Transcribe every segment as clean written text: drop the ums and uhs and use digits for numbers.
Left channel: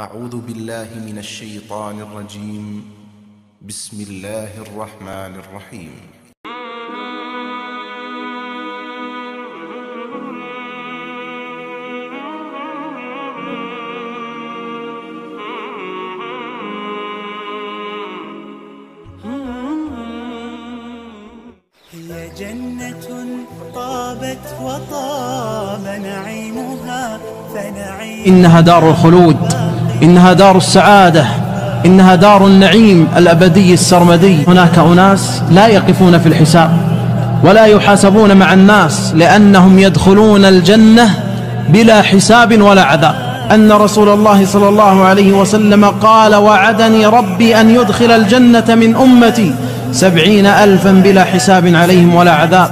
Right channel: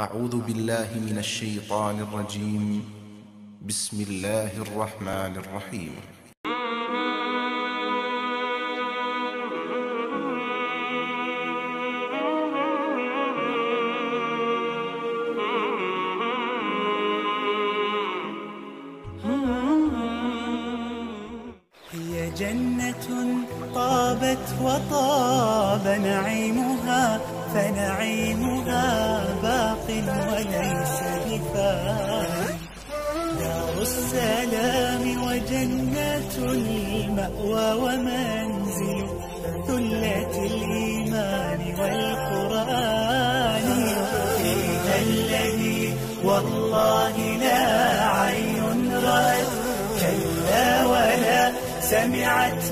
أعوذ بالله من الشيطان الرجيم. بسم الله الرحمن الرحيم. هي جنة طابت وطاب نعيمها فنعيم إنها دار الخلود، إنها دار السعادة، إنها دار النعيم الأبدي السرمدي. هناك أناس لا يقفون في الحساب ولا يحاسبون مع الناس، لأنهم يدخلون الجنة بلا حساب ولا عذاب. أن رسول الله صلى الله عليه وسلم قال: وعدني ربي أن يدخل الجنة من أمتي 70,000 بلا حساب عليهم ولا عذاب،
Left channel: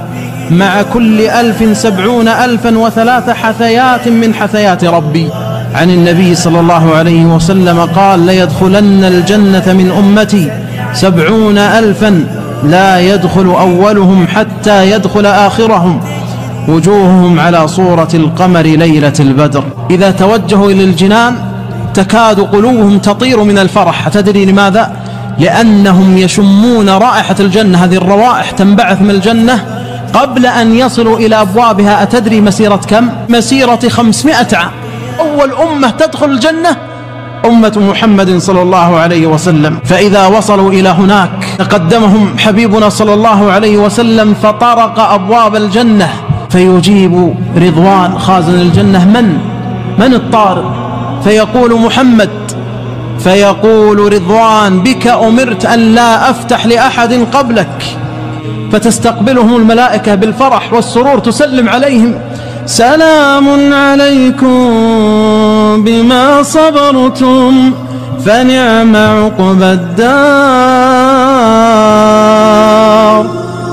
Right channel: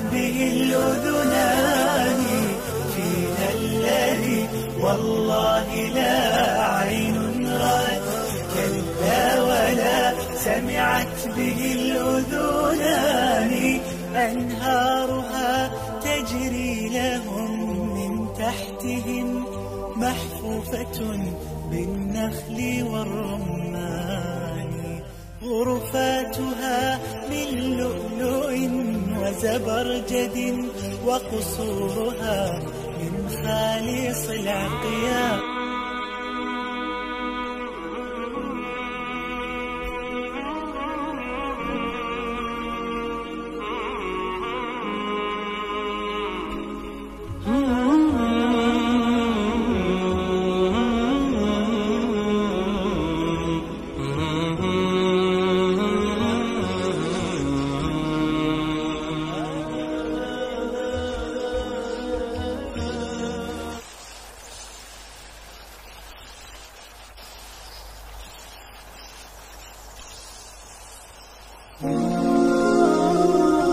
مع كل 1000 70,000 وثلاث حثيات من حثيات ربي. عن النبي صلى الله عليه وسلم قال: ليدخلن الجنة من أمتي 70,000 لا يدخل أولهم حتى يدخل آخرهم، وجوههم على صورة القمر ليلة البدر. إذا توجهوا إلى الجنان تكاد قلوبهم تطير من الفرح. أتدري لماذا؟ لأنهم يشمون رائحة الجنة. هذه الروائح تنبعث من الجنة قبل أن يصلوا إلى أبوابها. أتدري مسيرة كم؟ مسيرة 500 عام. أول أمة تدخل الجنة أمة محمد صلى الله عليه وسلم. فإذا وصلوا إلى هناك تقدمهم حبيبنا صلى الله عليه وسلم فطرق أبواب الجنة، فيجيب رضوان خازن الجنة: من الطارق؟ فيقول: محمد. فيقول رضوان: بك أمرت أن لا أفتح لأحد قبلك. فتستقبلهم الملائكة بالفرح والسرور، تسلم عليهم: سلام عليكم بما صبرتم فنعم عقبى الدار.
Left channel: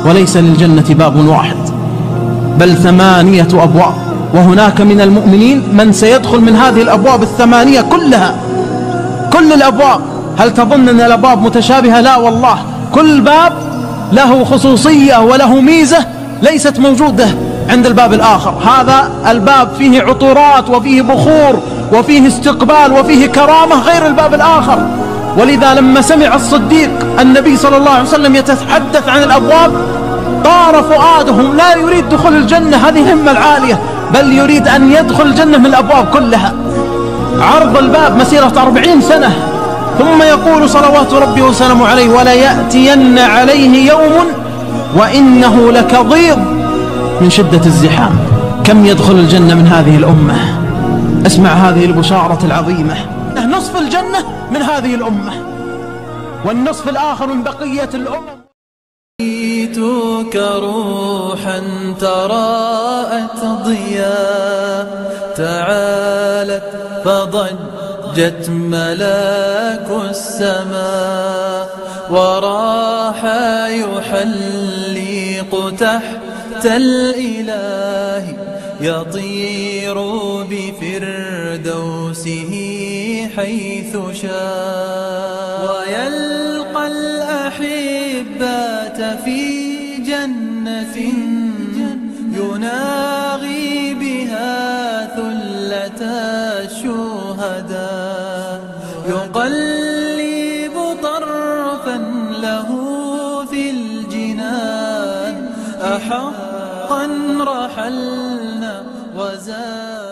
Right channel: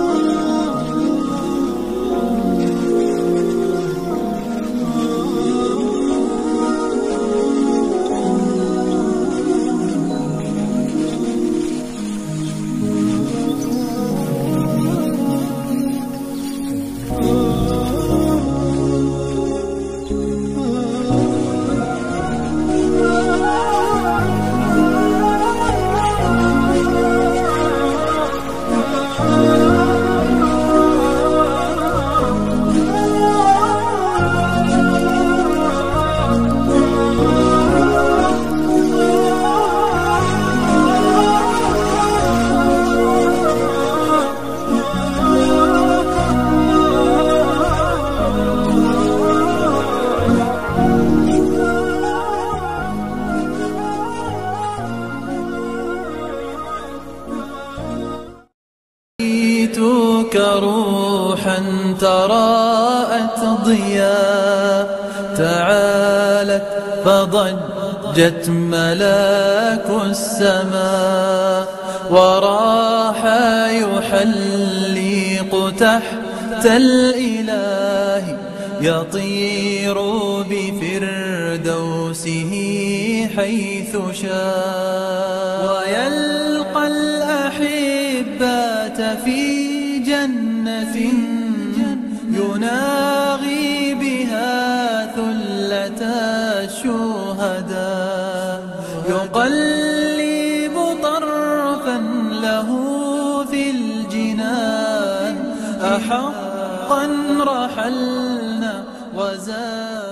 وليس للجنة باب واحد بل 8 أبواب، وهناك من المؤمنين من سيدخل من هذه الأبواب 8 كلها، كل الأبواب. هل تظن أن الأبواب متشابهة؟ لا والله، كل باب له خصوصية وله ميزة ليست موجودة عند الباب الآخر. هذا الباب فيه عطورات وفيه بخور وفيه استقبال وفيه كرامة غير الباب الآخر. ولذا لما سمع الصديق النبي صلى الله عليه وسلم يتحدث عن الأبواب طار فؤاده، لا يريد دخول الجنة، هذه الهمة العالية، بل يريد أن يدخل الجنة من الأبواب كلها. عرض الباب مسيرة 40 سنة. ثم يقول صلوات ربي وسلامه عليه: وليأتين عليه يوم وإنه لكظيظ من شدة الزحام. كم يدخل الجنة من هذه الأمة؟ اسمع هذه البشارة العظيمة: نصف الجنة من هذه الأمة، والنصف الآخر من بقية الأمم. رأيتك روحا تراءت ضياء، تعالت فضجت ملاك السماء، وراح يحلق تحت الإله، يطير بفردوسه حيث شاء، ويلقى الأحبة في جنة يناغي بها ثلة الشهداء، يقلب طرفا له في الجنان، أحقا رحلنا وزاد